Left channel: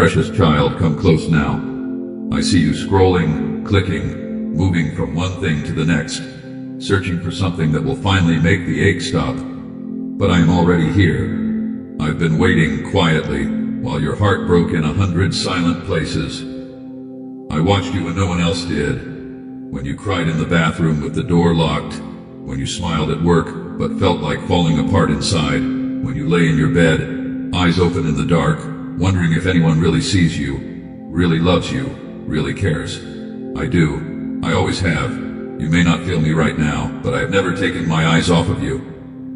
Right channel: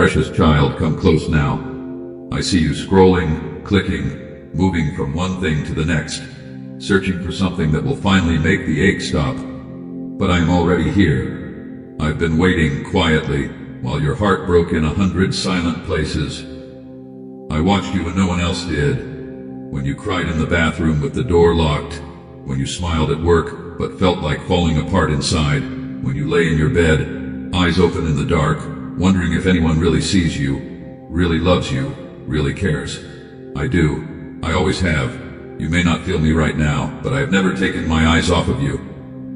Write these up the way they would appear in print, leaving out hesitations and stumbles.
Precious child, come close now. I see you scrolling, clicking, moving from one thing to the next, searching for something that will finally make the ache stop. But I'm already here. I've been waiting quietly while your heart broke in 100 silent places. I watched you when no one else did. When you cried in the bathroom with the door locked. When you smiled at work but felt like falling apart inside. When you lay in your bed, eyes open in the dark, wondering if anyone really sees you, really loves you, really cares. I do. I always have. You may not feel me right now, but I have never taken my eyes off of you.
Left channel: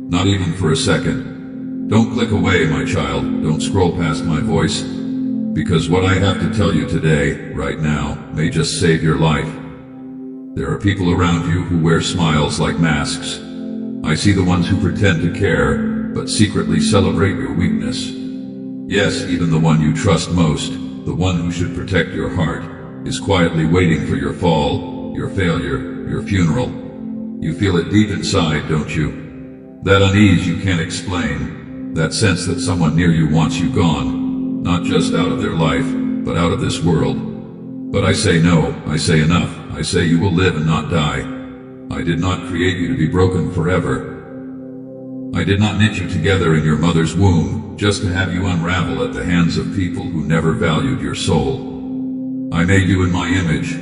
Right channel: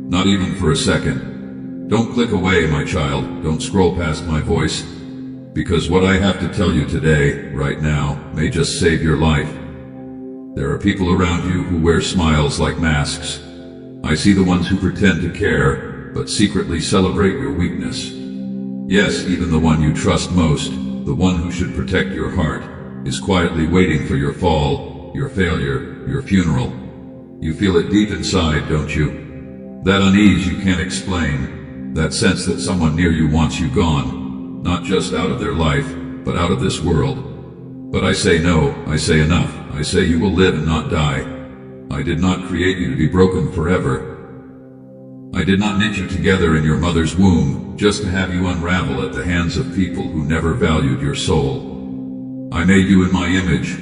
Not even for a second. Don't click away, my child. Don't scroll past my voice. Because what I have to tell you today, right now, may just save your life. There are people around you who wear smiles like masks. I see the ones who pretend to care, but secretly celebrate your weakness. Yes, even the one you trust most, the one who should protect your heart, is quietly waiting for your fall, your failure, your funeral. You feel it deep inside, don't you? That unease you can't explain, that sense that someone near you wants you gone, not just out of their life, but out of this world. But I say no, I say enough. I say you will live and not die. I did not create you to be broken forever. I did not knit you together in your mother's womb just to have you unravel at the hands of people who never valued your soul. I made you in my image.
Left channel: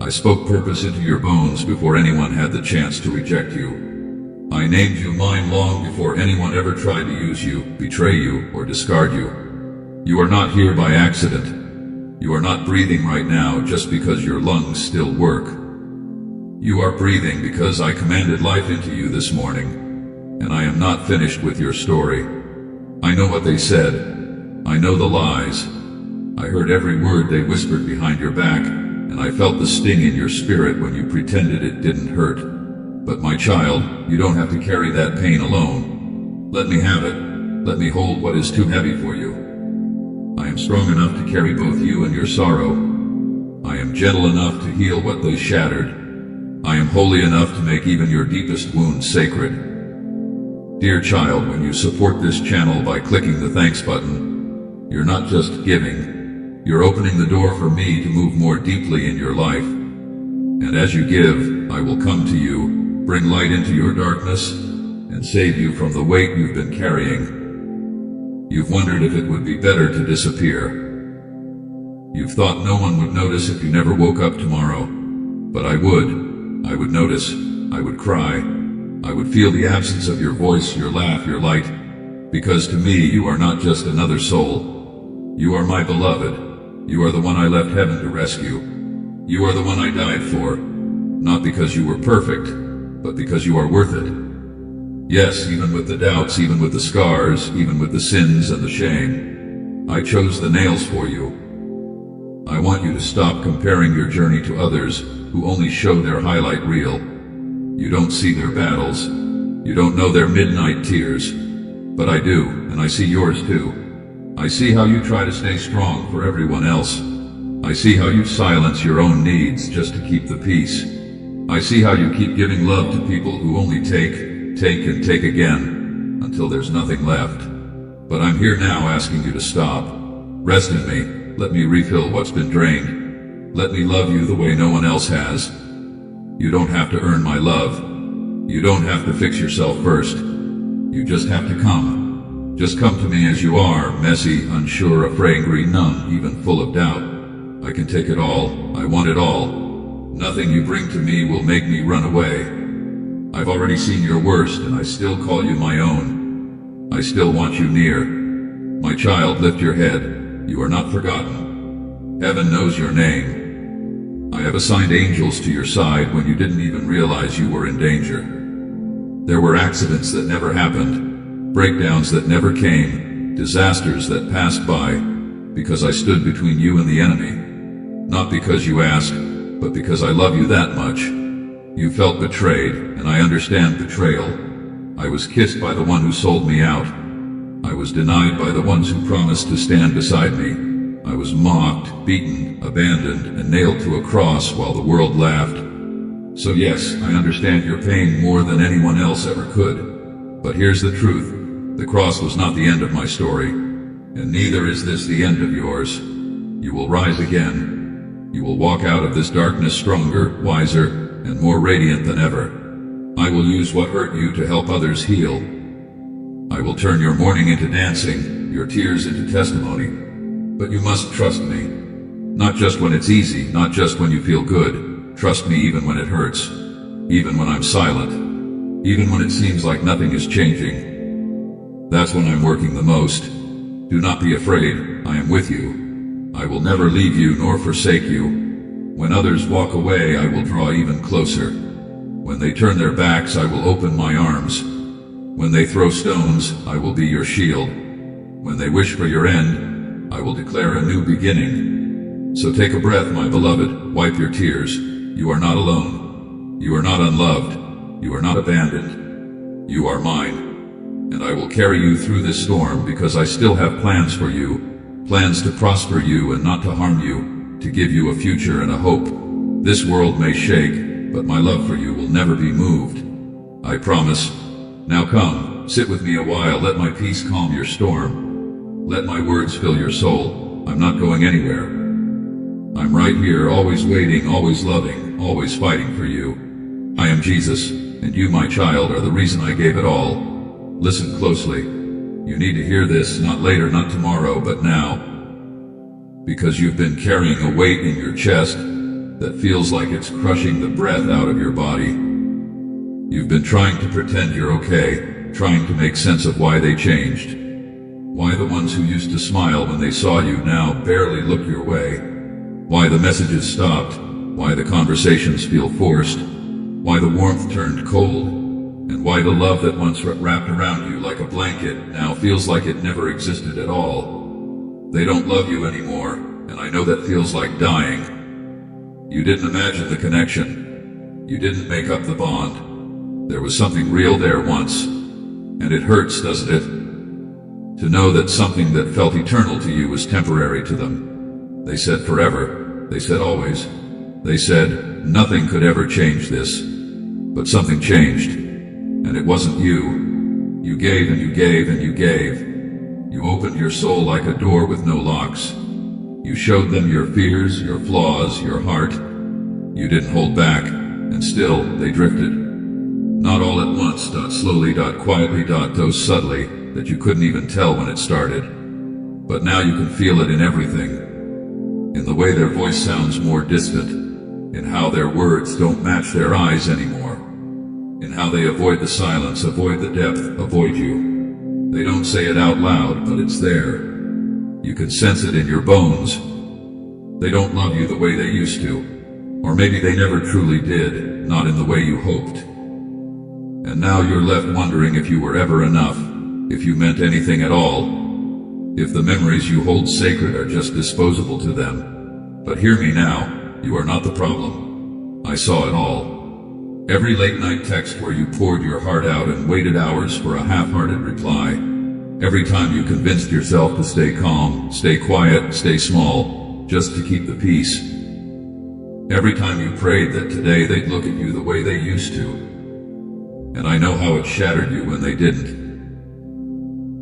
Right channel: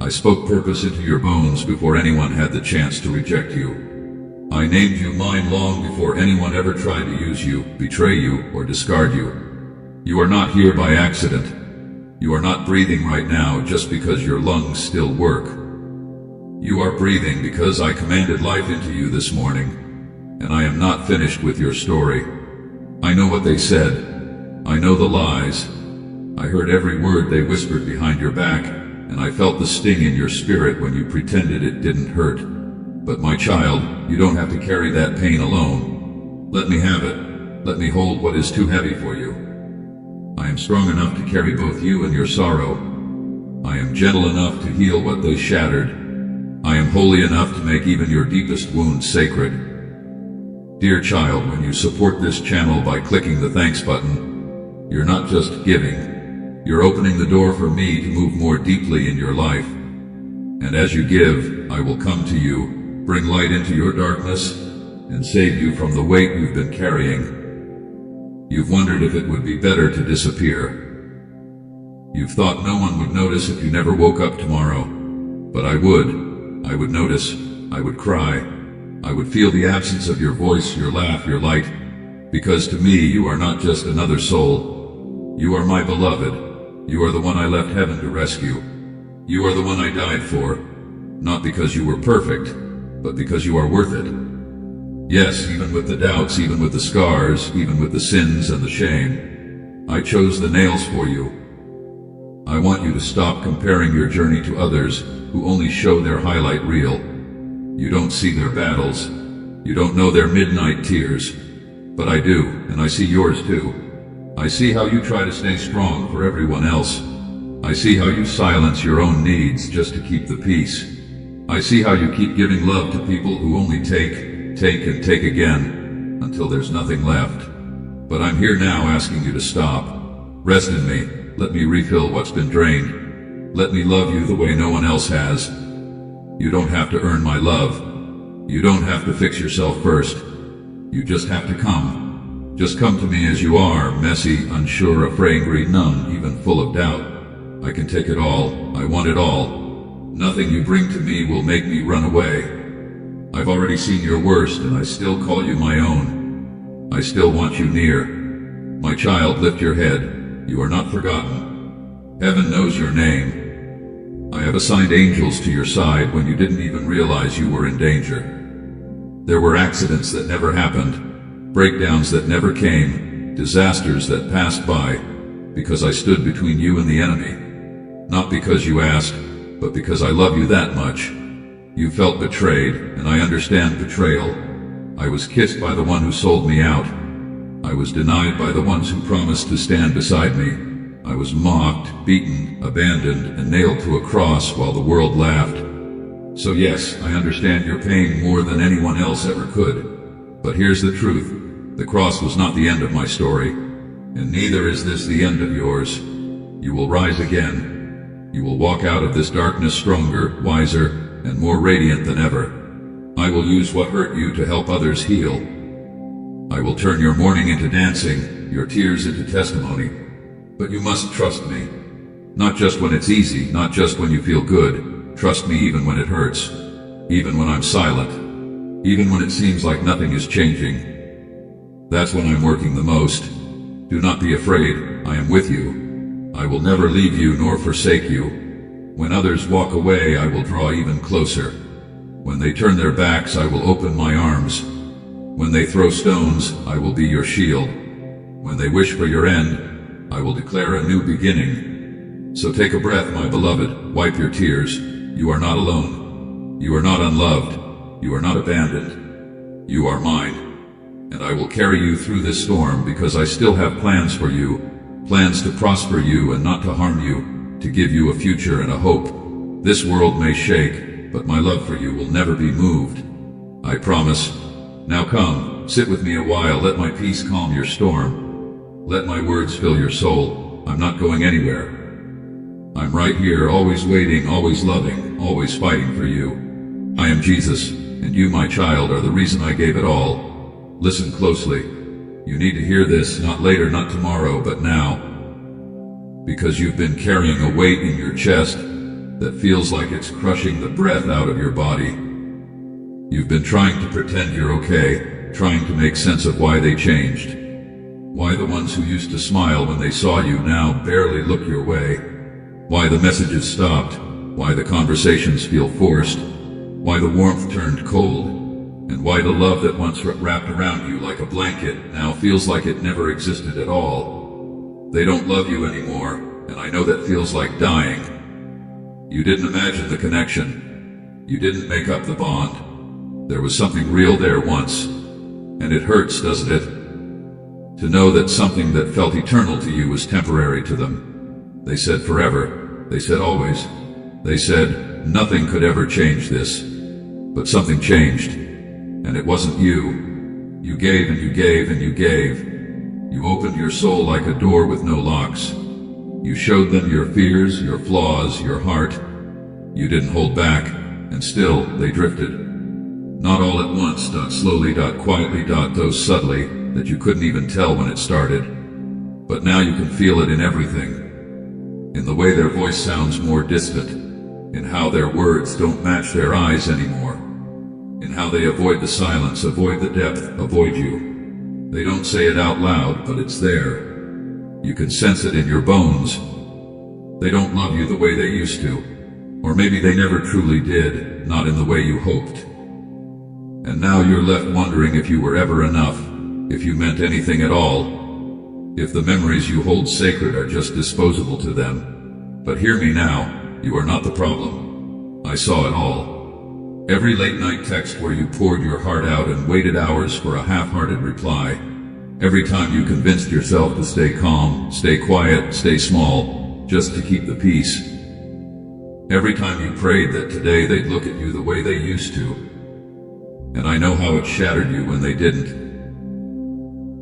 I spoke purpose into your bones before anyone had the chance to reject you. I named you mine long before anyone ever tried to use you, betray you, or discard you. You are not here by accident. You are not breathing right now just because your lungs still work. You are breathing because I commanded life into you this morning. And I am not finished with your story. I know what they said. I know the lies. I heard every word they whispered behind your back, and I felt the sting in your spirit when you pretended it didn't hurt. But my child, you don't have to carry that pain alone. Let me have it. Let me hold what is too heavy for you. I am strong enough to carry both you and your sorrow. I am gentle enough to heal what they shattered. I am holy enough to make even your deepest wounds sacred. Dear child, when you support this channel by clicking the thanks button, you're not just giving, you're opening the door for me to move more deeply in your life. And as you give, I will come to you, bring light into your darkness, and save you from the weight you've been carrying. You've wondered if it would be better to disappear. You've thought no one would notice if you never woke up tomorrow. But I would. I would notice. I would cry. I would feel the absence of your voice, your laugh, your light, because to me you are not just another soul. You are my beloved. You are the one I left heaven to rescue. You are the one I died for, not because you were perfect, but because you are worth it. Yes, even with the doubts, even with the scars, even with the sins and the shame, I chose the nails for you. I want you to stop comparing your journey to others who only show their highlight reel. You don't see their battles. You don't know their midnight tears. But I do, and I see yours too. I see how you try to stay strong for everyone else. I see how you silence your own needs just to keep the peace. I see how you keep giving love to people who only take and take again, until there's nothing left. But I'm here now asking you to stop. Rest in me. Let me refill what's been drained. Let me love you the way no one else has. You don't have to earn my love. You don't have to fix yourself first. You just have to come. Just come to me as you are, messy, unsure, afraid, numb, even full of doubt. I can take it all. I want it all. Nothing you bring to me will make me run away. I've already seen your worst, and I still call you my own. I still want you near. My child, lift your head. You are not forgotten. Heaven knows your name. I have assigned angels to your side when you didn't even realize you were in danger. There were accidents that never happened, breakdowns that never came, disasters that passed by, because I stood between you and the enemy. Not because you asked, but because I love you that much. You felt betrayed, and I understand betrayal. I was kissed by the one who sold me out. I was denied by the ones who promised to stand beside me. I was mocked, beaten, abandoned, and nailed to a cross while the world laughed. So yes, I understand your pain more than anyone else ever could. But here's the truth. The cross was not the end of my story, and neither is this the end of yours. You will rise again. You will walk out of this darkness stronger, wiser, and more radiant than ever. I will use what hurt you to help others heal. I will turn your mourning into dancing, your tears into testimony. But you must trust me. Not just when it's easy, not just when you feel good. Trust me even when it hurts. Even when I'm silent. Even when it seems like nothing is changing. That's when I'm working the most. Do not be afraid. I am with you. I will never leave you nor forsake you. When others walk away, I will draw even closer. When they turn their backs, I will open my arms. When they throw stones, I will be your shield. When they wish for your end, I will declare a new beginning. So take a breath, my beloved. Wipe your tears. You are not alone. You are not unloved. You are not abandoned. You are mine. And I will carry you through this storm because I still have plans for you. Plans to prosper you and not to harm you. To give you a future and a hope. This world may shake, but my love for you will never be moved. I promise. Now come, sit with me a while. Let my peace calm your storm. Let my words fill your soul. I'm not going anywhere. I'm right here, always waiting, always loving, always fighting for you. I am Jesus, and you, my child, are the reason I gave it all. Listen closely. You need to hear this, not later, not tomorrow, but now. Because you've been carrying a weight in your chest that feels like it's crushing the breath out of your body. You've been trying to pretend you're okay, trying to make sense of why they changed. Why the ones who used to smile when they saw you now barely look your way. Why the messages stopped. Why the conversations feel forced. Why the warmth turned cold. And why the love that once wrapped around you like a blanket now feels like it never existed at all. They don't love you anymore, and I know that feels like dying. You didn't imagine the connection. You didn't make up the bond. There was something real there once, and it hurts, doesn't it? To know that something that felt eternal to you was temporary to them. They said forever. They said always. They said nothing could ever change this. But something changed, and it wasn't you. You gave and you gave and you gave. You opened your soul like a door with no locks. You showed them your fears, your flaws, your heart. You didn't hold back, and still they drifted. Not all at once, slowly, quietly, subtly, that you couldn't even tell when it started. But now you can feel it in everything. In the way their voice sounds more distant. In how their words don't match their eyes anymore. In how they avoid the silence, avoid the depth, avoid you. They don't say it out loud, but it's there. You can sense it in your bones. They don't love you the way they used to. Or maybe they never truly did, not in the way you hoped. And now you're left wondering if you were ever enough, if you meant anything at all, if the memories you hold sacred are just disposable to them. But hear me now, you are not the problem. I saw it all. Every late night text where you poured your heart out and waited hours for a half-hearted reply. Every time you convinced yourself to stay calm, stay quiet, stay small, just to keep the peace. Every time you prayed that today they'd look at you the way they used to. And I know how it shattered you when they didn't.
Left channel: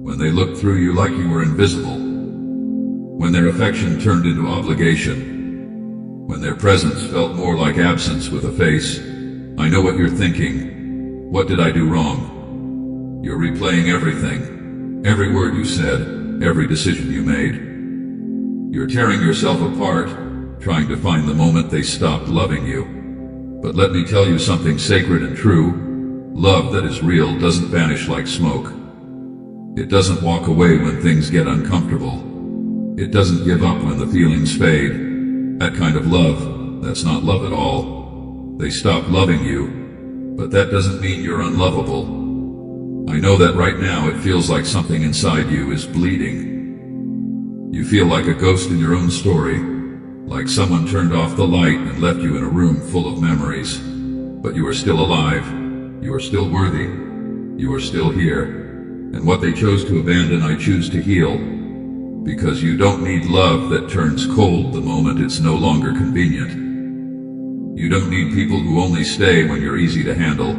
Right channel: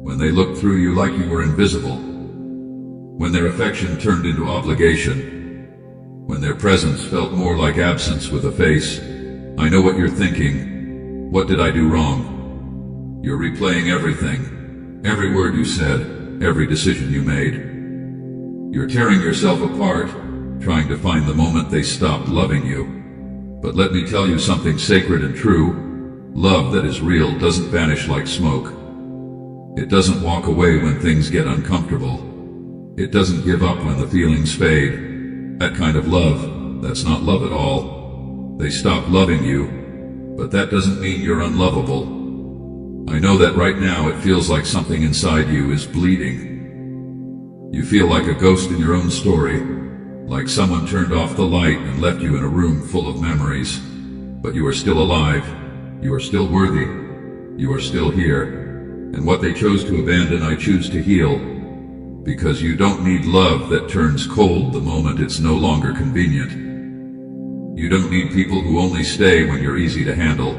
When they looked through you like you were invisible. When their affection turned into obligation. When their presence felt more like absence with a face. I know what you're thinking. What did I do wrong? You're replaying everything. Every word you said. Every decision you made. You're tearing yourself apart, trying to find the moment they stopped loving you. But let me tell you something sacred and true. Love that is real doesn't vanish like smoke. It doesn't walk away when things get uncomfortable. It doesn't give up when the feelings fade. That kind of love, that's not love at all. They stop loving you, but that doesn't mean you're unlovable. I know that right now it feels like something inside you is bleeding. You feel like a ghost in your own story, like someone turned off the light and left you in a room full of memories. But you are still alive. You are still worthy. You are still here. And what they chose to abandon, I choose to heal. Because you don't need love that turns cold the moment it's no longer convenient. You don't need people who only stay when you're easy to handle.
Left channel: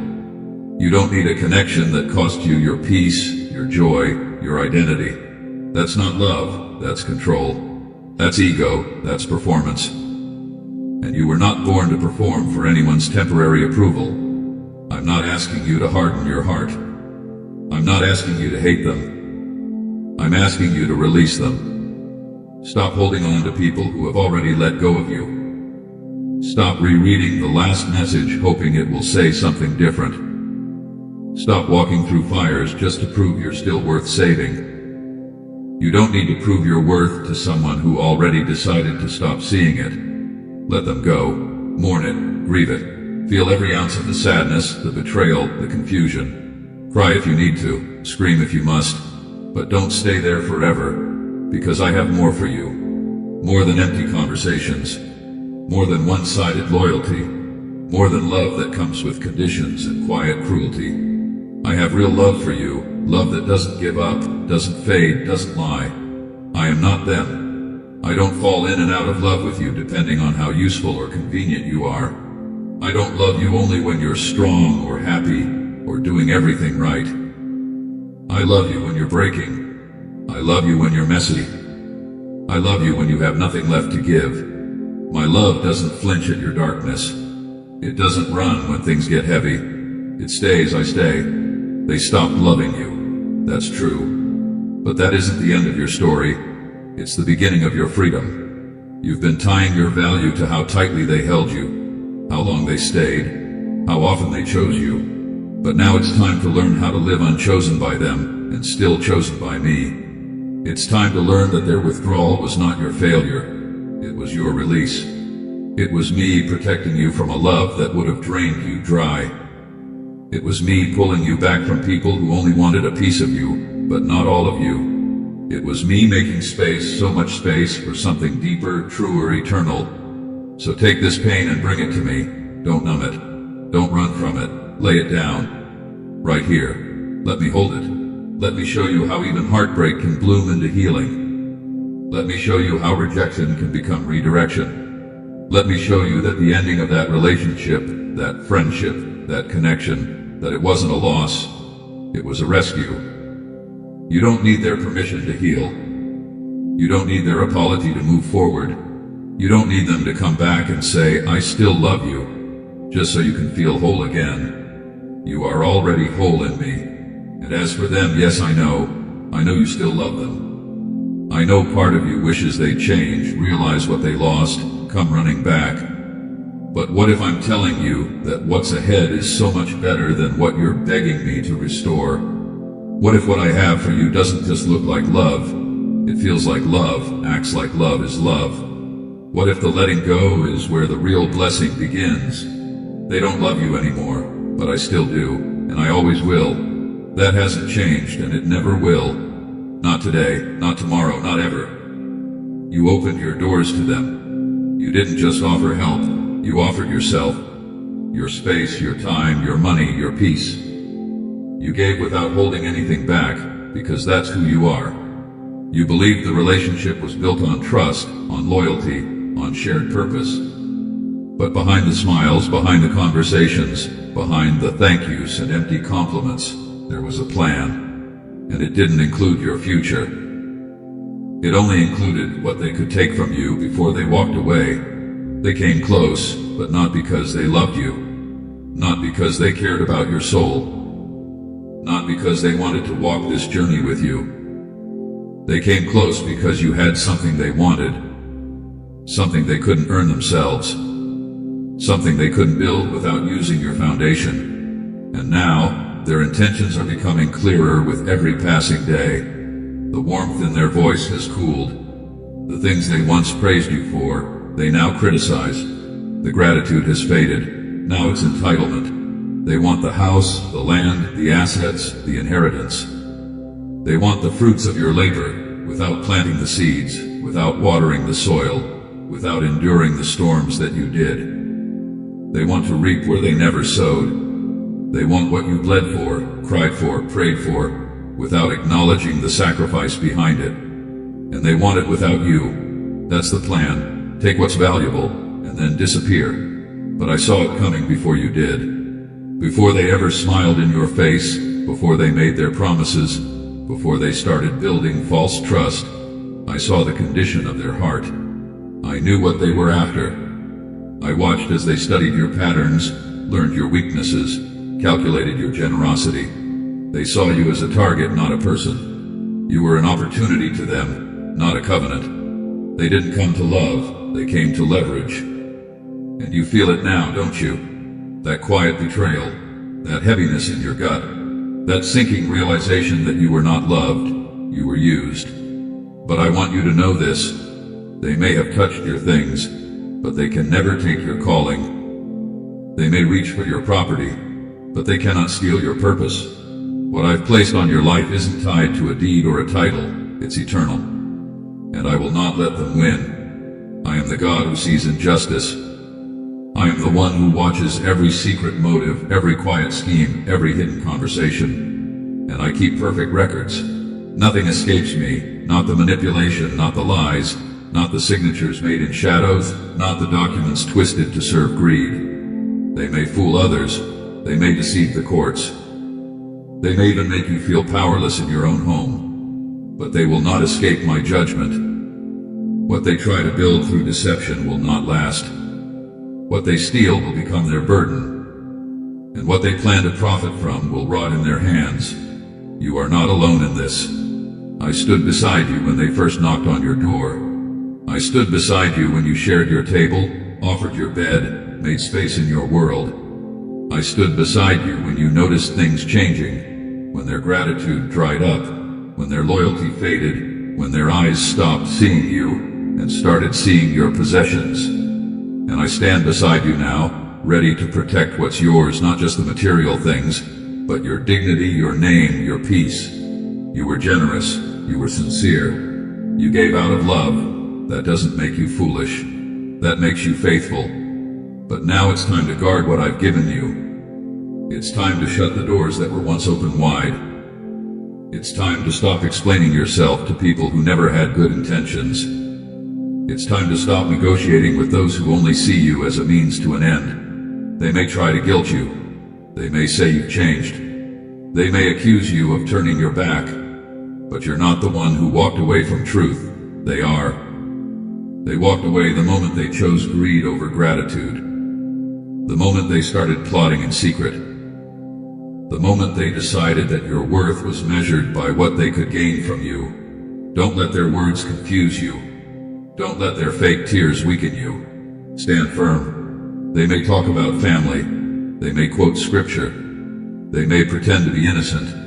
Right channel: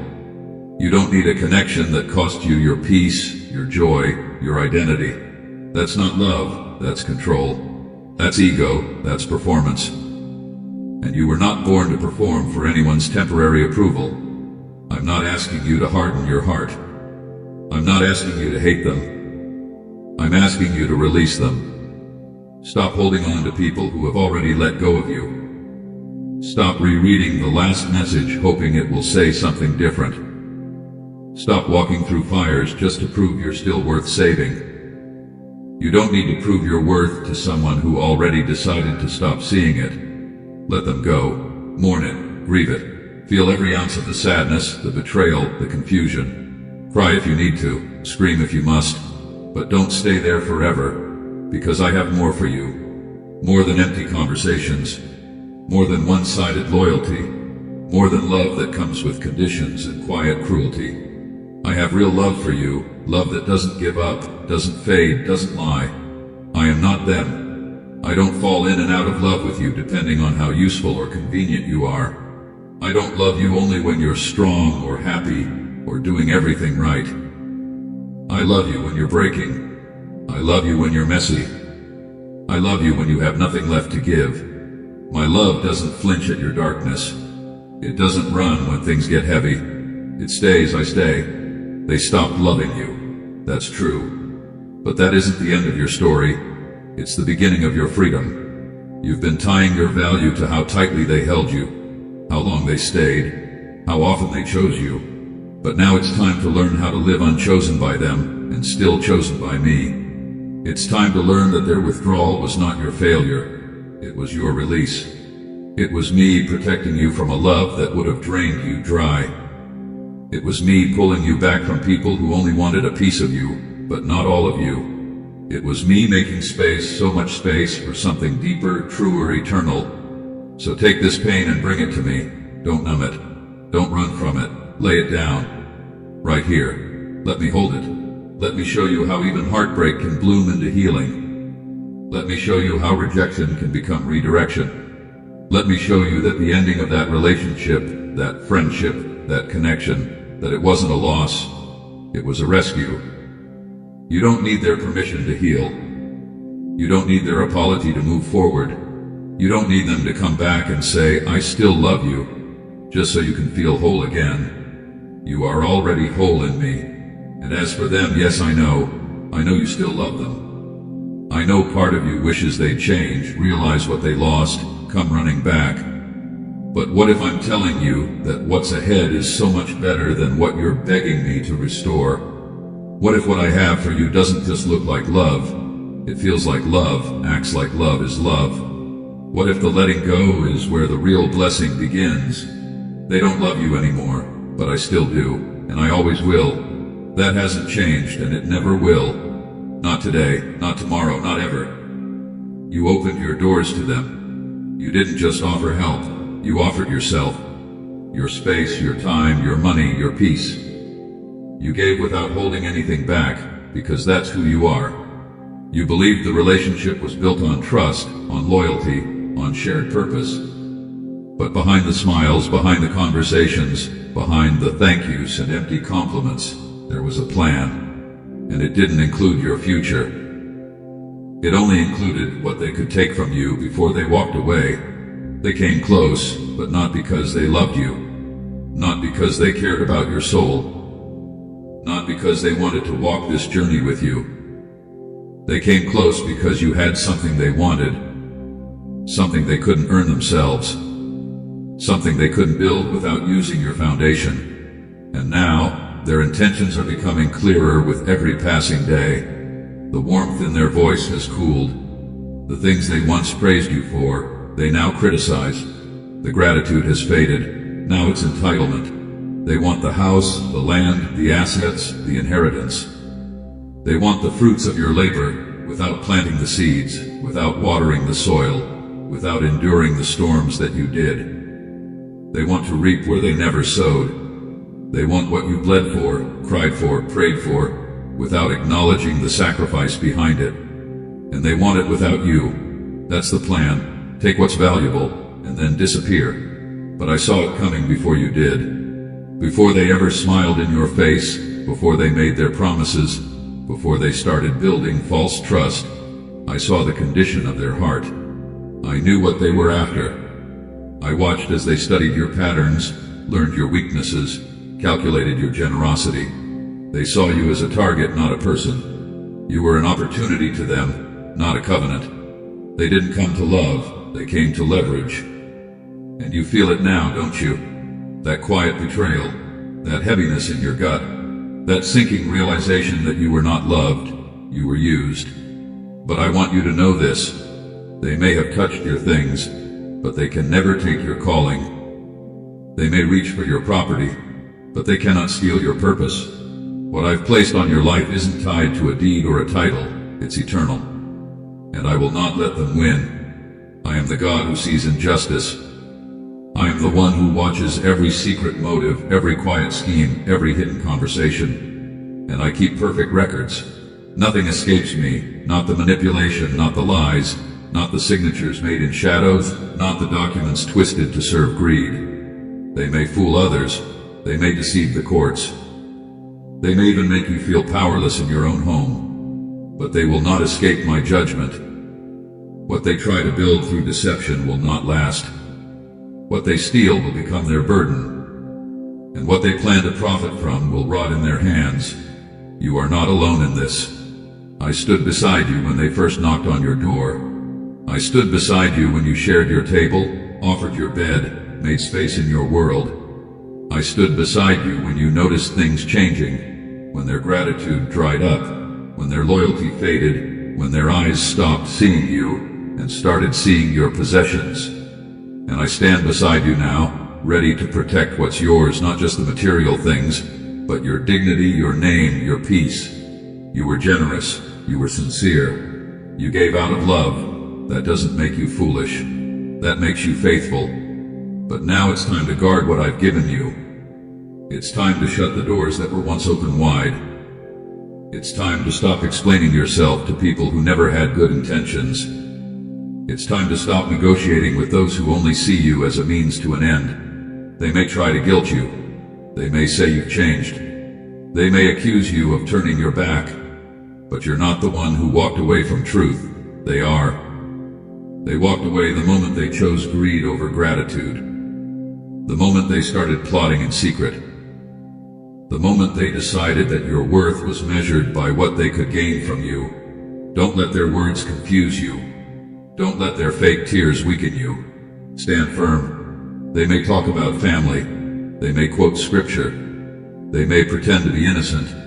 You don't need a connection that costs you your peace, your joy, your identity. That's not love, that's control. That's ego, that's performance. And you were not born to perform for anyone's temporary approval. I'm not asking you to harden your heart. I'm not asking you to hate them. I'm asking you to release them. Stop holding on to people who have already let go of you. Stop rereading the last message hoping it will say something different. Stop walking through fires just to prove you're still worth saving. You don't need to prove your worth to someone who already decided to stop seeing it. Let them go. Mourn it. Grieve it. Feel every ounce of the sadness, the betrayal, the confusion. Cry if you need to. Scream if you must. But don't stay there forever, because I have more for you. More than empty conversations. More than one-sided loyalty. More than love that comes with conditions and quiet cruelty. I have real love for you, love that doesn't give up, doesn't fade, doesn't lie. I am not them. I don't fall in and out of love with you depending on how useful or convenient you are. I don't love you only when you're strong or happy or doing everything right. I love you when you're breaking. I love you when you're messy. I love you when you have nothing left to give. My love doesn't flinch at your darkness. It doesn't run when things get heavy. It stays, I stay. They stopped loving you. That's true. But that isn't the end of your story. It's the beginning of your freedom. You've been tying your value to how tightly they held you, how long they stayed, how often they chose you. But now it's time to learn how to live unchosen by them and still chosen by me. It's time to learn that their withdrawal was not your failure. It was your release. It was me protecting you from a love that would have drained you dry. It was me pulling you back from people who only wanted a piece of you, but not all of you. It was me making space, so much space, for something deeper, truer, eternal. So take this pain and bring it to me. Don't numb it. Don't run from it. Lay it down. Right here. Let me hold it. Let me show you how even heartbreak can bloom into healing. Let me show you how rejection can become redirection. Let me show you that the ending of that relationship, that friendship, that connection, that it wasn't a loss, it was a rescue. You don't need their permission to heal. You don't need their apology to move forward. You don't need them to come back and say, I still love you, just so you can feel whole again. You are already whole in me. And as for them, yes, I know you still love them. I know part of you wishes they'd change, realize what they lost, come running back. But what if I'm telling you that what's ahead is so much better than what you're begging me to restore? What if what I have for you doesn't just look like love? It feels like love, acts like love is love. What if the letting go is where the real blessing begins? They don't love you anymore, but I still do, and I always will. That hasn't changed, and it never will. Not today, not tomorrow, not ever. You opened your doors to them. You didn't just offer help. You offered yourself, your space, your time, your money, your peace. You gave without holding anything back, because that's who you are. You believed the relationship was built on trust, on loyalty, on shared purpose. But behind the smiles, behind the conversations, behind the thank yous and empty compliments, there was a plan, and it didn't include your future. It only included what they could take from you before they walked away. They came close, but not because they loved you. Not because they cared about your soul. Not because they wanted to walk this journey with you. They came close because you had something they wanted. Something they couldn't earn themselves. Something they couldn't build without using your foundation. And now, their intentions are becoming clearer with every passing day. The warmth in their voice has cooled. The things they once praised you for, they now criticize. The gratitude has faded. Now it's entitlement. They want the house, the land, the assets, the inheritance. They want the fruits of your labor without planting the seeds, without watering the soil, without enduring the storms that you did. They want to reap where they never sowed. They want what you bled for, cried for, prayed for, without acknowledging the sacrifice behind it. And they want it without you. That's the plan. Take what's valuable, and then disappear. But I saw it coming before you did. Before they ever smiled in your face, before they made their promises, before they started building false trust, I saw the condition of their heart. I knew what they were after. I watched as they studied your patterns, learned your weaknesses, calculated your generosity. They saw you as a target, not a person. You were an opportunity to them, not a covenant. They didn't come to love, they came to leverage. And you feel it now, don't you? That quiet betrayal, that heaviness in your gut, that sinking realization that you were not loved, you were used. But I want you to know this. They may have touched your things, but they can never take your calling. They may reach for your property, but they cannot steal your purpose. What I've placed on your life isn't tied to a deed or a title, it's eternal. And I will not let them win. I am the God who sees injustice. I am the one who watches every secret motive, every quiet scheme, every hidden conversation. And I keep perfect records. Nothing escapes me, not the manipulation, not the lies, not the signatures made in shadows, not the documents twisted to serve greed. They may fool others, they may deceive the courts. They may even make you feel powerless in your own home, but they will not escape my judgment. What they try to build through deception will not last. What they steal will become their burden, and what they plan to profit from will rot in their hands. You are not alone in this. I stood beside you when they first knocked on your door. I stood beside you when you shared your table, offered your bed, made space in your world. I stood beside you when you noticed things changing, when their gratitude dried up, when their loyalty faded, when their eyes stopped seeing you and started seeing your possessions. And I stand beside you now, ready to protect what's yours, not just the material things, but your dignity, your name, your peace. You were generous, you were sincere. You gave out of love. That doesn't make you foolish. That makes you faithful. But now it's time to guard what I've given you. It's time to shut the doors that were once open wide. It's time to stop explaining yourself to people who never had good intentions. It's time to stop negotiating with those who only see you as a means to an end. They may try to guilt you. They may say you've changed. They may accuse you of turning your back. But you're not the one who walked away from truth. They are. They walked away the moment they chose greed over gratitude. The moment they started plotting in secret. The moment they decided that your worth was measured by what they could gain from you. Don't let their words confuse you. Don't let their fake tears weaken you. Stand firm. They may talk about family. They may quote scripture. They may pretend to be innocent.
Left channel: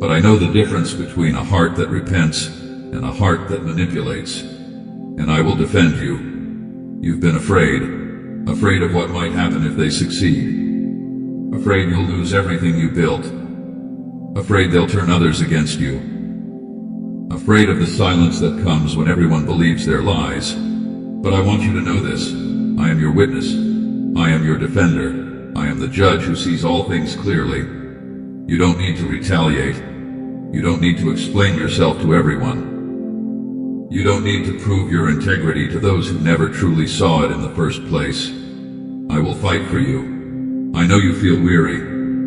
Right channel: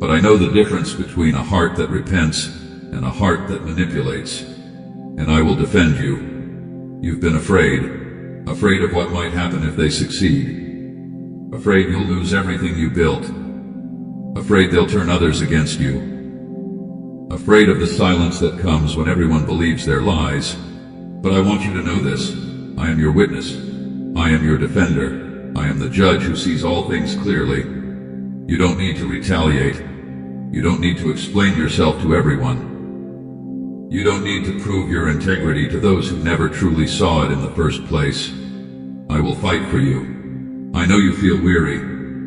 But I know the difference between a heart that repents and a heart that manipulates. And I will defend you. You've been afraid of what might happen if they succeed. Afraid you'll lose everything you built. Afraid they'll turn others against you. Afraid of the silence that comes when everyone believes their lies. But I want you to know this. I am your witness. I am your defender. I am the judge who sees all things clearly. You don't need to retaliate. You don't need to explain yourself to everyone. You don't need to prove your integrity to those who never truly saw it in the first place. I will fight for you. I know you feel weary.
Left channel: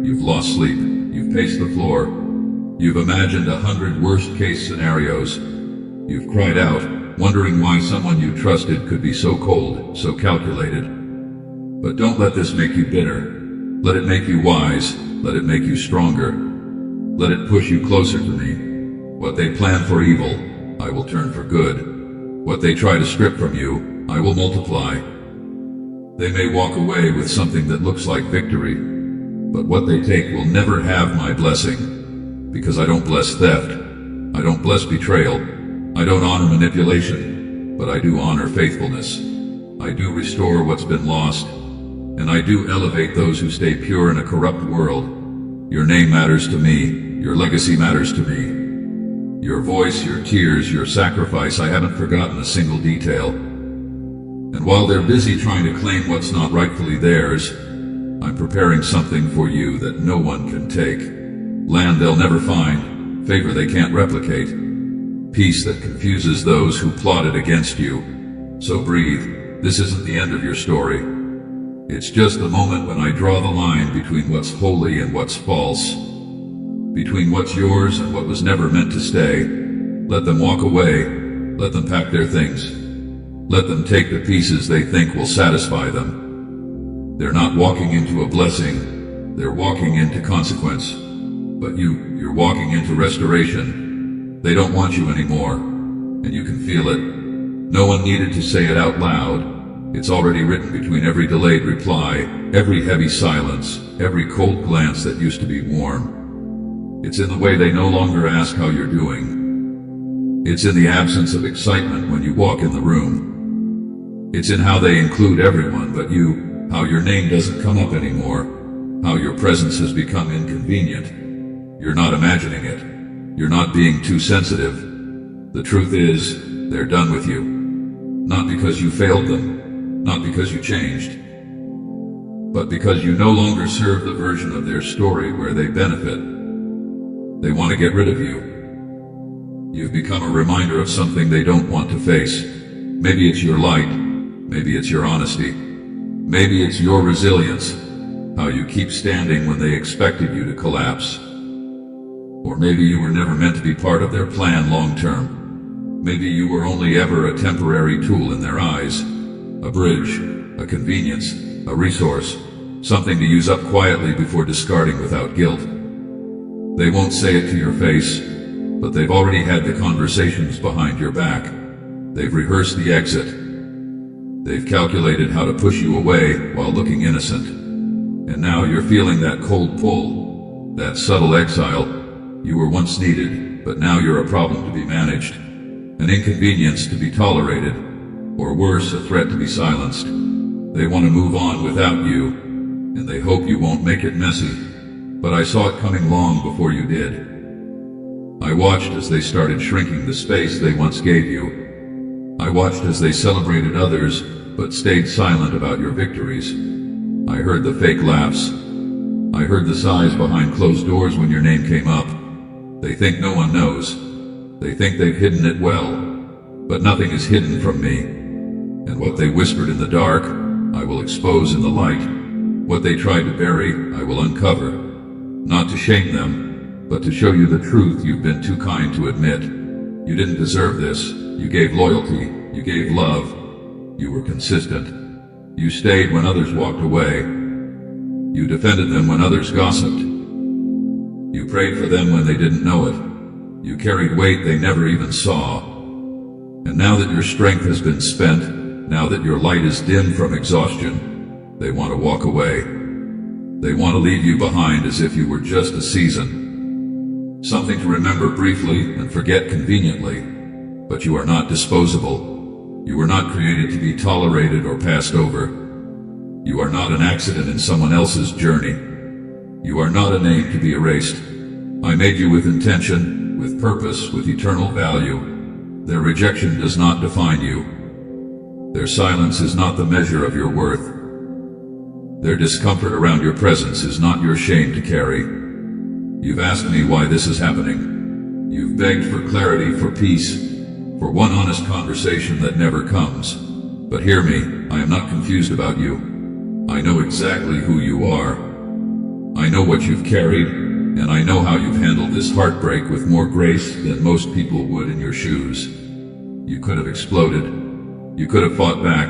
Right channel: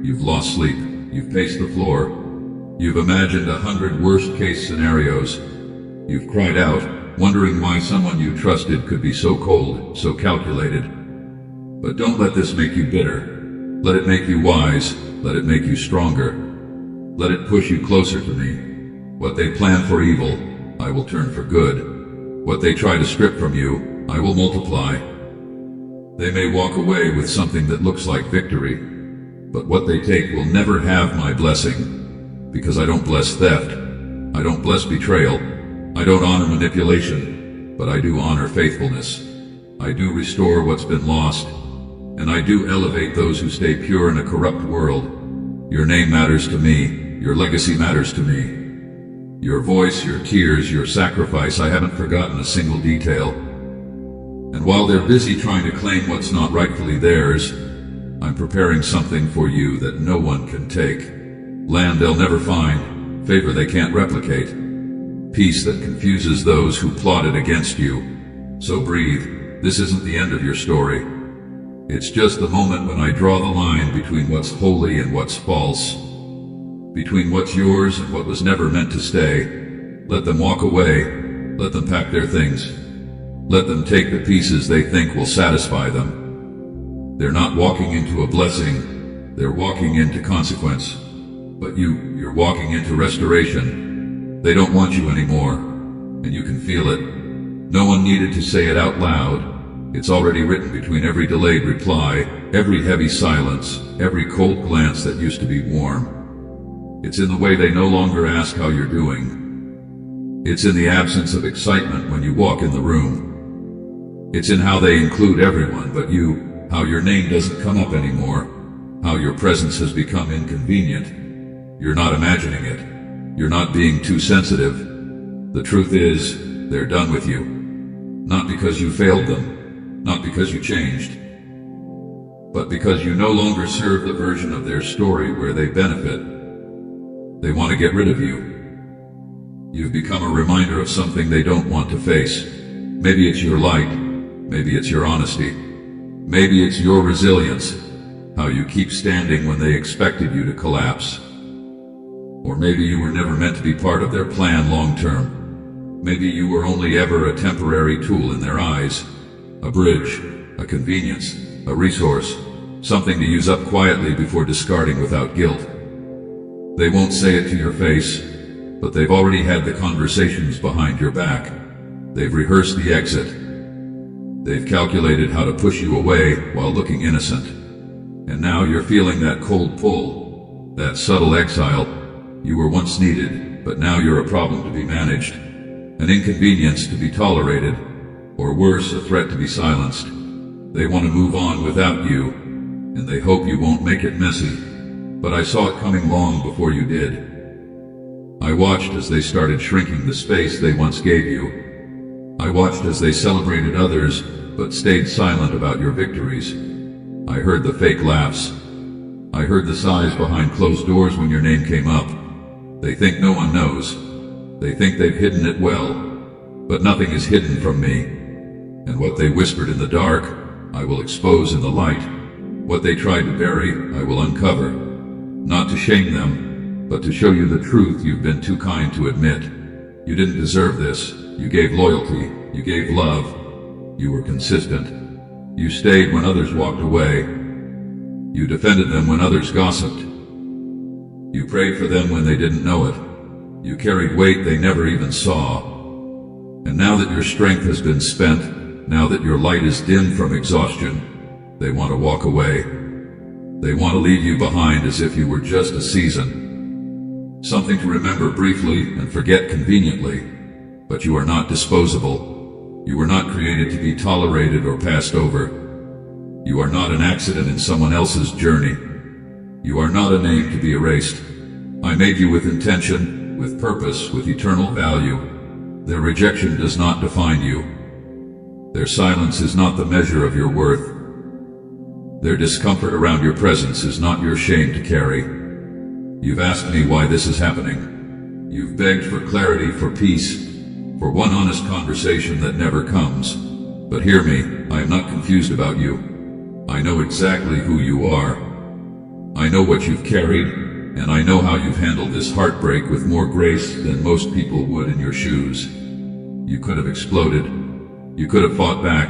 You've lost sleep. You've paced the floor. You've imagined 100 worst-case scenarios. You've cried out, wondering why someone you trusted could be so cold, so calculated. But don't let this make you bitter. Let it make you wise. Let it make you stronger. Let it push you closer to me. What they plan for evil, I will turn for good. What they try to strip from you, I will multiply. They may walk away with something that looks like victory, but what they take will never have my blessing. Because I don't bless theft. I don't bless betrayal. I don't honor manipulation, but I do honor faithfulness. I do restore what's been lost, and I do elevate those who stay pure in a corrupt world. Your name matters to me. Your legacy matters to me. Your voice, your tears, your sacrifice, I haven't forgotten a single detail. And while they're busy trying to claim what's not rightfully theirs, I'm preparing something for you that no one can take. Land they'll never find, favor they can't replicate, peace that confuses those who plotted against you. So breathe. This isn't the end of your story. It's just the moment when I draw the line between what's holy and what's false, between what's yours and what was never meant to stay. Let them walk away. Let them pack their things. Let them take the pieces they think will satisfy them. They're not walking into a blessing, they're walking into consequence. But you're walking into restoration. They don't want you anymore, and you can feel it. No one needed to say it out loud. It's already written between every delayed reply, every heavy silence, every cold glance that used to be warm. It's in the way they no longer ask how you're doing. It's in the absence of excitement when you walk in the room. It's in how they include everyone but you, how your name doesn't come up anymore, how your presence has become inconvenient. You're not imagining it. You're not being too sensitive. The truth is, they're done with you. Not because you failed them. Not because you changed, but because you no longer serve the version of their story where they benefit. They want to get rid of you. You've become a reminder of something they don't want to face. Maybe it's your light. Maybe it's your honesty. Maybe it's your resilience, how you keep standing when they expected you to collapse. Or maybe you were never meant to be part of their plan long term. Maybe you were only ever a temporary tool in their eyes. A bridge, a convenience, a resource, something to use up quietly before discarding without guilt. They won't say it to your face, but they've already had the conversations behind your back. They've rehearsed the exit. They've calculated how to push you away while looking innocent. And now you're feeling that cold pull, that subtle exile. You were once needed, but now you're a problem to be managed, an inconvenience to be tolerated, or worse, a threat to be silenced. They want to move on without you, and they hope you won't make it messy. But I saw it coming long before you did. I watched as they started shrinking the space they once gave you. I watched as they celebrated others, but stayed silent about your victories. I heard the fake laughs. I heard the sighs behind closed doors when your name came up. They think no one knows. They think they've hidden it well, but nothing is hidden from me. And what they whispered in the dark, I will expose in the light. What they tried to bury, I will uncover. Not to shame them, but to show you the truth you've been too kind to admit. You didn't deserve this. You gave loyalty. You gave love. You were consistent. You stayed when others walked away. You defended them when others gossiped. You prayed for them when they didn't know it. You carried weight they never even saw. And now that your strength has been spent, now that your light is dim from exhaustion, they want to walk away. They want to leave you behind as if you were just a season. Something to remember briefly and forget conveniently. But you are not disposable. You were not created to be tolerated or passed over. You are not an accident in someone else's journey. You are not a name to be erased. I made you with intention, with purpose, with eternal value. Their rejection does not define you. Their silence is not the measure of your worth. Their discomfort around your presence is not your shame to carry. You've asked me why this is happening. You've begged for clarity, for peace, for one honest conversation that never comes. But hear me, I am not confused about you. I know exactly who you are. I know what you've carried, and I know how you've handled this heartbreak with more grace than most people would in your shoes. You could have exploded. You could have fought back,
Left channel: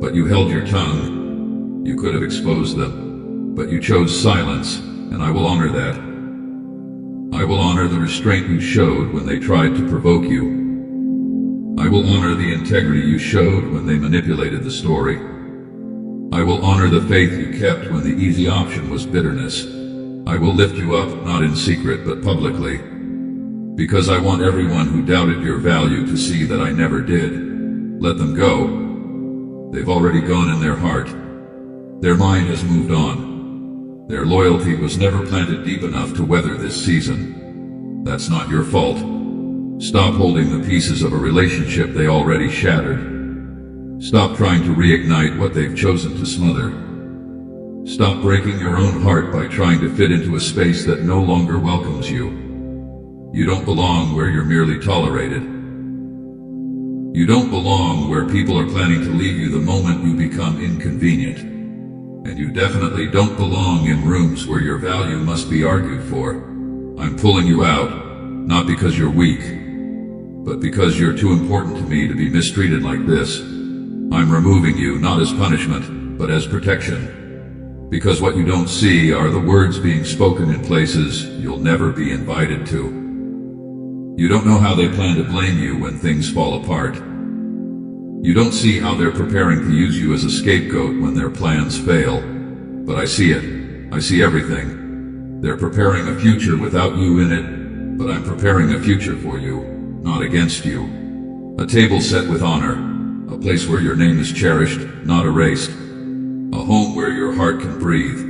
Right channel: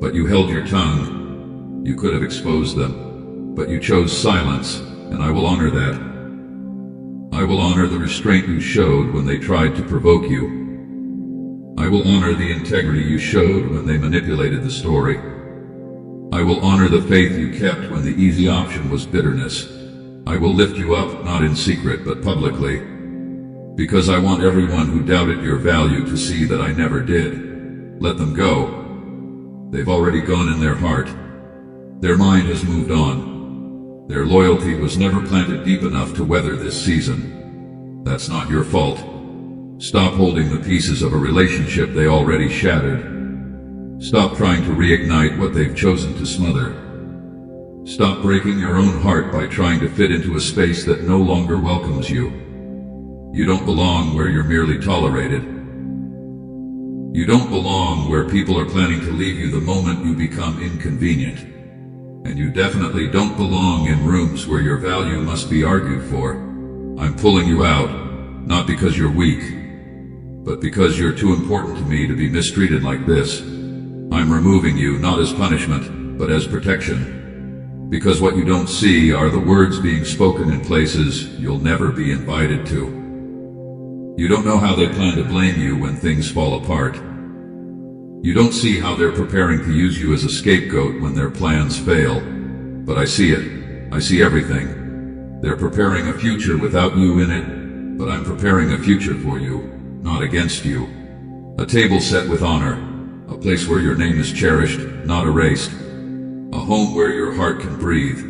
but you held your tongue. You could have exposed them, but you chose silence, and I will honor that. I will honor the restraint you showed when they tried to provoke you. I will honor the integrity you showed when they manipulated the story. I will honor the faith you kept when the easy option was bitterness. I will lift you up, not in secret, but publicly. Because I want everyone who doubted your value to see that I never did. Let them go. They've already gone in their heart. Their mind has moved on. Their loyalty was never planted deep enough to weather this season. That's not your fault. Stop holding the pieces of a relationship they already shattered. Stop trying to reignite what they've chosen to smother. Stop breaking your own heart by trying to fit into a space that no longer welcomes you. You don't belong where you're merely tolerated. You don't belong where people are planning to leave you the moment you become inconvenient. And you definitely don't belong in rooms where your value must be argued for. I'm pulling you out, not because you're weak, But because you're too important to me to be mistreated like this, I'm removing you not as punishment, but as protection. Because what you don't see are the words being spoken in places you'll never be invited to. You don't know how they plan to blame you when things fall apart. You don't see how they're preparing to use you as a scapegoat when their plans fail. But I see it. I see everything. They're preparing a future without you in it, but I'm preparing a future for you. Not against you. A table set with honor, a place where your name is cherished, not erased. A home where your heart can breathe.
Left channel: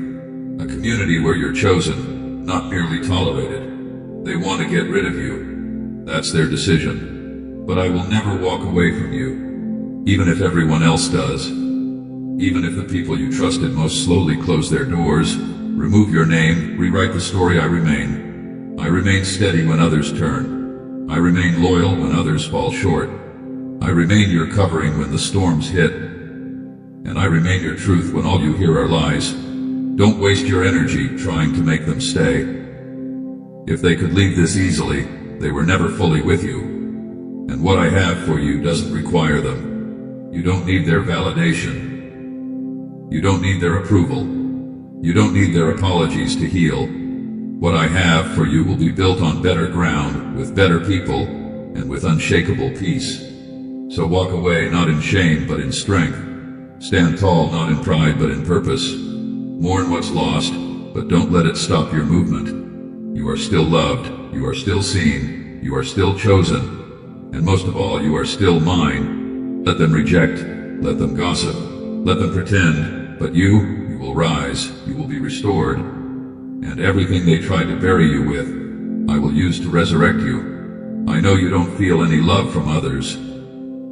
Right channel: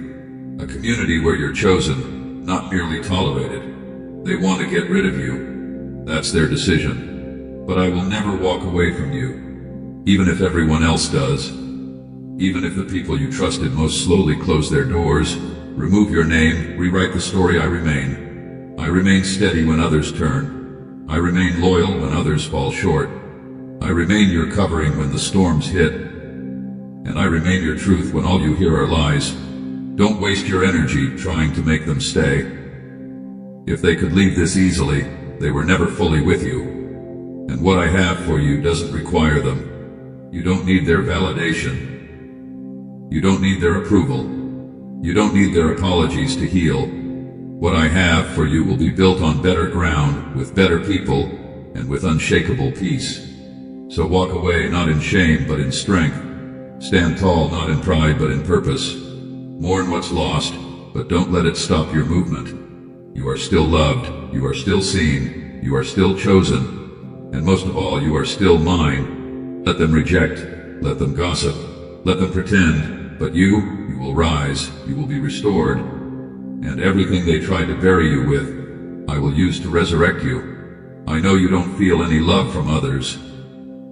A community where you're chosen, not merely tolerated. They want to get rid of you. That's their decision. But I will never walk away from you, even if everyone else does. Even if the people you trusted most slowly close their doors, remove your name, rewrite the story. I remain steady when others turn. I remain loyal when others fall short. I remain your covering when the storms hit. And I remain your truth when all you hear are lies. Don't waste your energy trying to make them stay. If they could leave this easily, they were never fully with you. And what I have for you doesn't require them. You don't need their validation. You don't need their approval. You don't need their apologies to heal. What I have for you will be built on better ground, with better people, and with unshakable peace. So walk away not in shame, but in strength. Stand tall not in pride, but in purpose. Mourn what's lost, but don't let it stop your movement. You are still loved, you are still seen, you are still chosen, and most of all, you are still mine. Let them reject, let them gossip, let them pretend, but you will rise, you will be restored. And everything they tried to bury you with, I will use to resurrect you. I know you don't feel any love from others.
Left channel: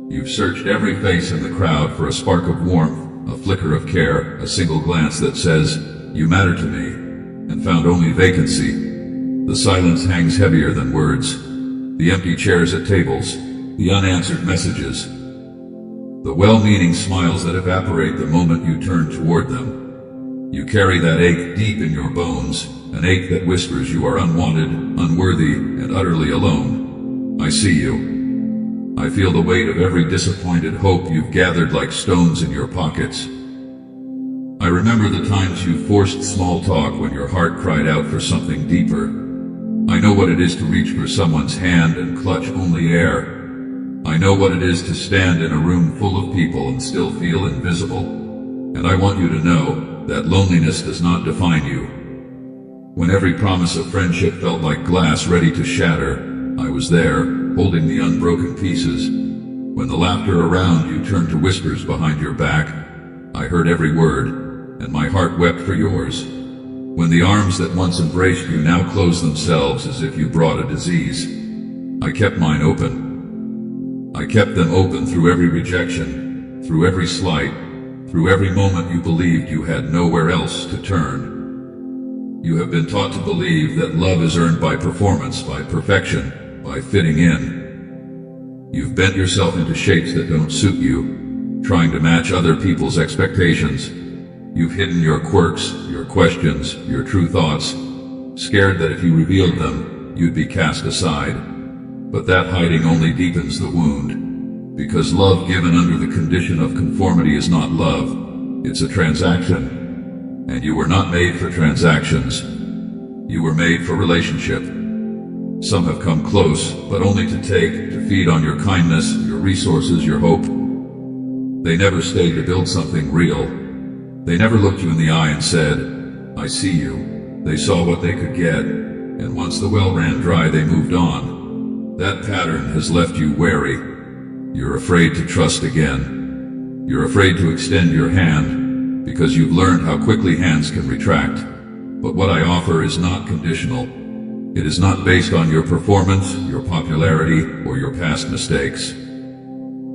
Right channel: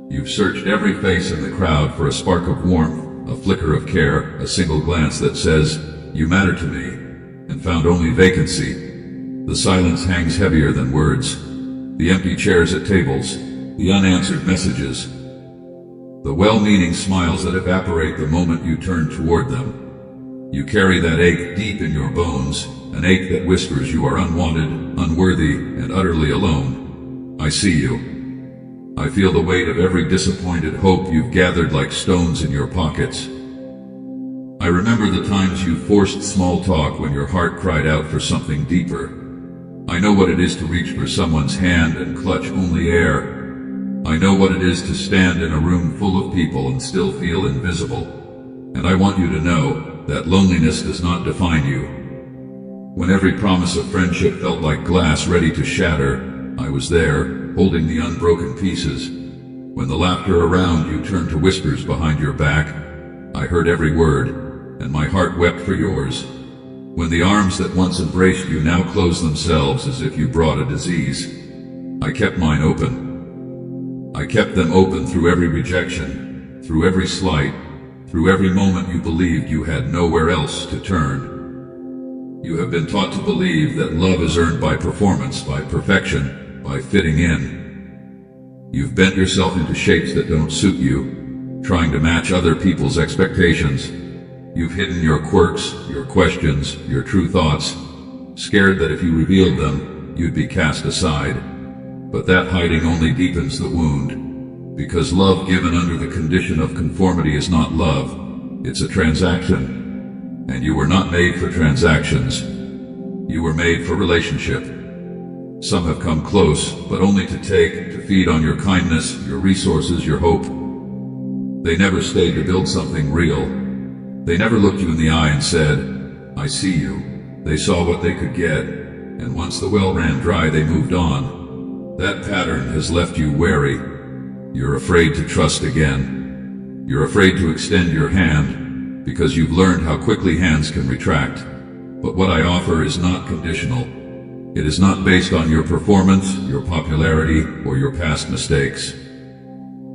You've searched every face in the crowd for a spark of warmth, a flicker of care, a single glance that says, "You matter to me," and found only vacancy. The silence hangs heavier than words. The empty chairs at tables, the unanswered messages, the well-meaning smiles that evaporate the moment you turn toward them. You carry that ache deep in your bones, an ache that whispers you are unwanted, unworthy, and utterly alone. I see you. I feel the weight of every disappointed hope you've gathered like stones in your pockets. I remember the times you forced small talk when your heart cried out for something deeper. I know what it is to reach for someone's hand and clutch only air. I know what it is to stand in a room full of people and still feel invisible. And I want you to know that loneliness does not define you. When every promise of friendship felt like glass ready to shatter, I was there, holding the unbroken pieces. When the laughter around you turned to whispers behind your back, I heard every word, and my heart wept for yours. When the arms that once embraced you now close themselves as if you brought a disease, I kept mine open. I kept them open through every rejection, through every slight, through every moment you believed you had nowhere else to turn. You have been taught to believe that love is earned by performance, by perfection, by fitting in. You've bent yourself into shapes that don't suit you, trying to match other people's expectations. You've hidden your quirks, your questions, your true thoughts, scared that if you revealed them, you'd be cast aside. But that hiding only deepens the wound. Because love given under the condition of conformity is not love, it's a transaction. And you were not made for transactions. You were made for relationship. Some have come close, but only to take, to feed on your kindness, your resources, your hope. They never stayed to build something real. They never looked you in the eye and said, "I see you." They saw what they could get, and once the well ran dry, they moved on. That pattern has left you wary. You're afraid to trust again. You're afraid to extend your hand, because you've learned how quickly hands can retract. But what I offer is not conditional. It is not based on your performance, your popularity, or your past mistakes.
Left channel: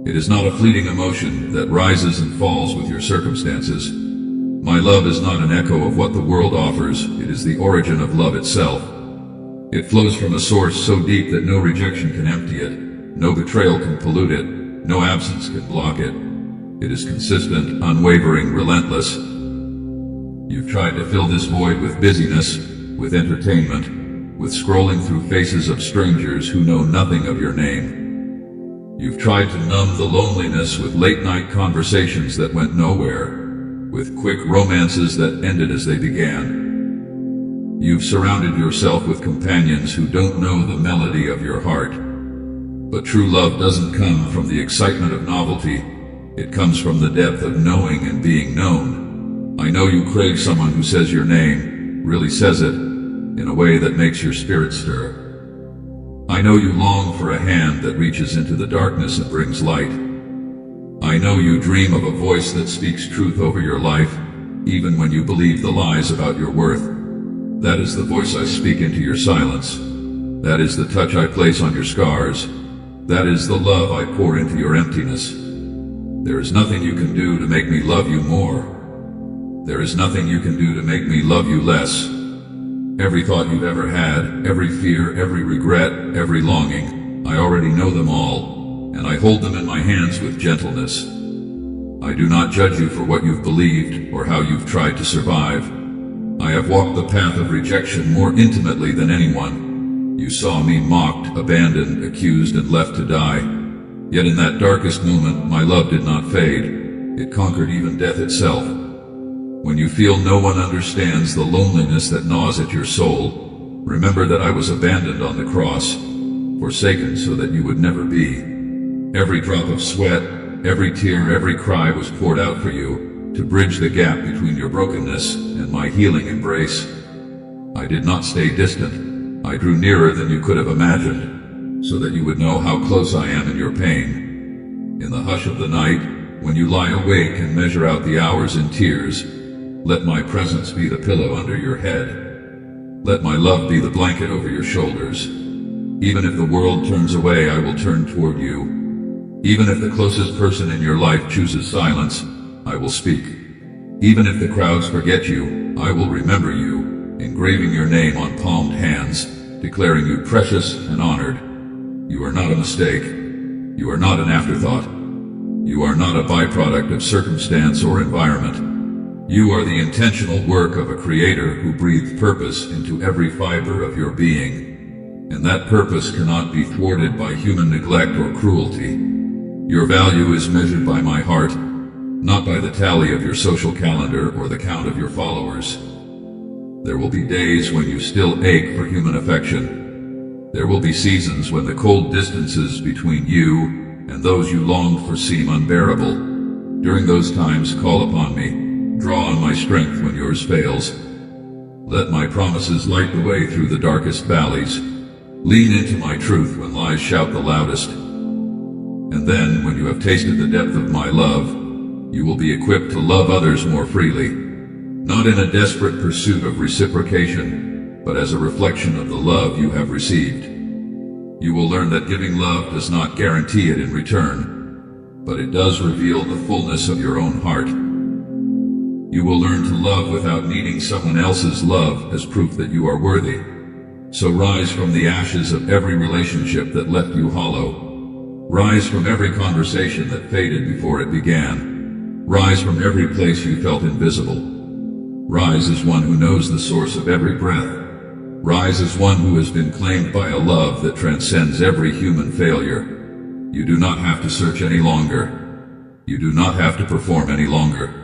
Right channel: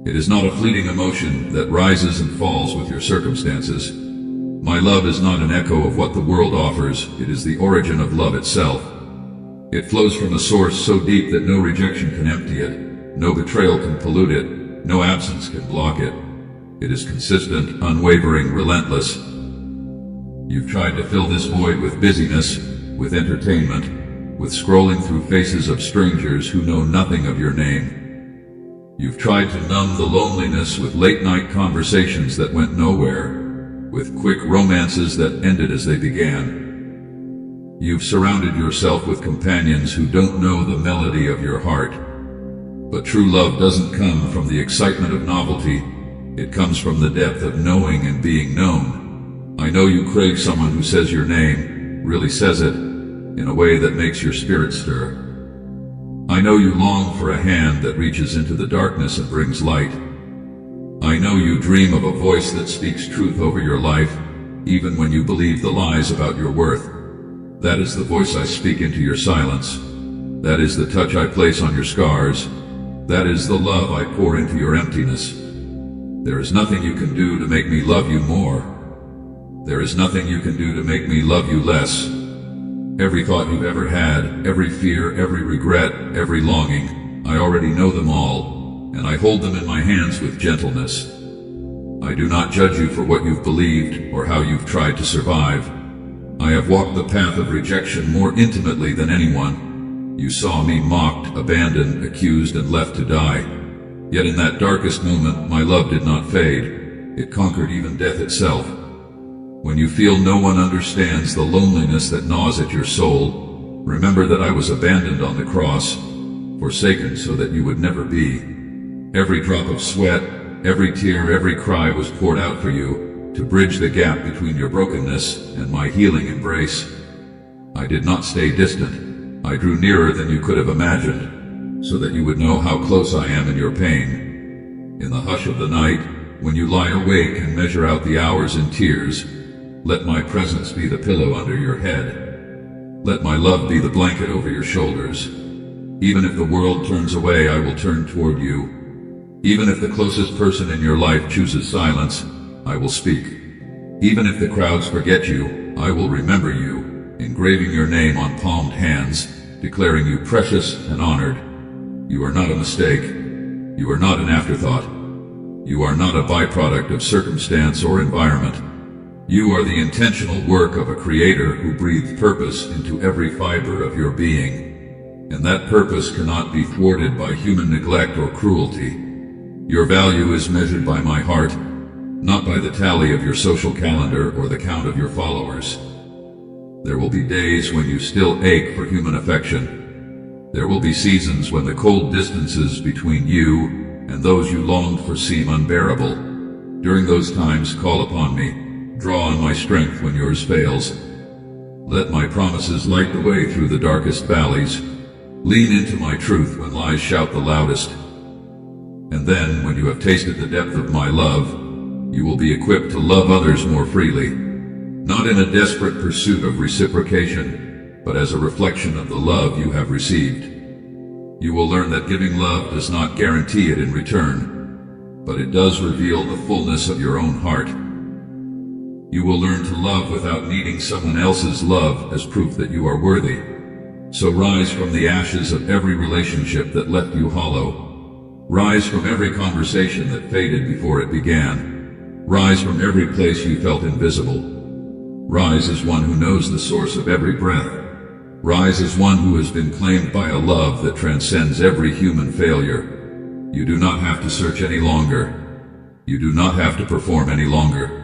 It is not a fleeting emotion that rises and falls with your circumstances. My love is not an echo of what the world offers, it is the origin of love itself. It flows from a source so deep that no rejection can empty it. No betrayal can pollute it, no absence can block it. It is consistent, unwavering, relentless. You've tried to fill this void with busyness, with entertainment, with scrolling through faces of strangers who know nothing of your name. You've tried to numb the loneliness with late-night conversations that went nowhere, with quick romances that ended as they began. You've surrounded yourself with companions who don't know the melody of your heart. But true love doesn't come from the excitement of novelty. It comes from the depth of knowing and being known. I know you crave someone who says your name, really says it, in a way that makes your spirit stir. I know you long for a hand that reaches into the darkness and brings light. I know you dream of a voice that speaks truth over your life, even when you believe the lies about your worth. That is the voice I speak into your silence. That is the touch I place on your scars. That is the love I pour into your emptiness. There is nothing you can do to make me love you more. There is nothing you can do to make me love you less. Every thought you've ever had, every fear, every regret, every longing, I already know them all, and I hold them in my hands with gentleness. I do not judge you for what you've believed or how you've tried to survive. I have walked the path of rejection more intimately than anyone. You saw me mocked, abandoned, accused, and left to die. Yet in that darkest moment, my love did not fade. It conquered even death itself. When you feel no one understands the loneliness that gnaws at your soul, remember that I was abandoned on the cross, forsaken so that you would never be. Every drop of sweat, every tear, every cry was poured out for you, to bridge the gap between your brokenness and my healing embrace. I did not stay distant. I drew nearer than you could have imagined, so that you would know how close I am in your pain. In the hush of the night, when you lie awake and measure out the hours in tears, let my presence be the pillow under your head. Let my love be the blanket over your shoulders. Even if the world turns away, I will turn toward you. Even if the closest person in your life chooses silence, I will speak. Even if the crowds forget you, I will remember you, engraving your name on palmed hands, declaring you precious and honored. You are not a mistake. You are not an afterthought. You are not a byproduct of circumstance or environment. You are the intentional work of a creator who breathed purpose into every fiber of your being. And that purpose cannot be thwarted by human neglect or cruelty. Your value is measured by my heart, not by the tally of your social calendar or the count of your followers. There will be days when you still ache for human affection. There will be seasons when the cold distances between you and those you longed for seem unbearable. During those times, call upon me. Draw on my strength when yours fails. Let my promises light the way through the darkest valleys. Lean into my truth when lies shout the loudest. And then, when you have tasted the depth of my love, you will be equipped to love others more freely, not in a desperate pursuit of reciprocation, but as a reflection of the love you have received. You will learn that giving love does not guarantee it in return, but it does reveal the fullness of your own heart. You will learn to love without needing someone else's love as proof that you are worthy. So rise from the ashes of every relationship that left you hollow. Rise from every conversation that faded before it began. Rise from every place you felt invisible. Rise as one who knows the source of every breath. Rise as one who has been claimed by a love that transcends every human failure. You do not have to search any longer. You do not have to perform any longer.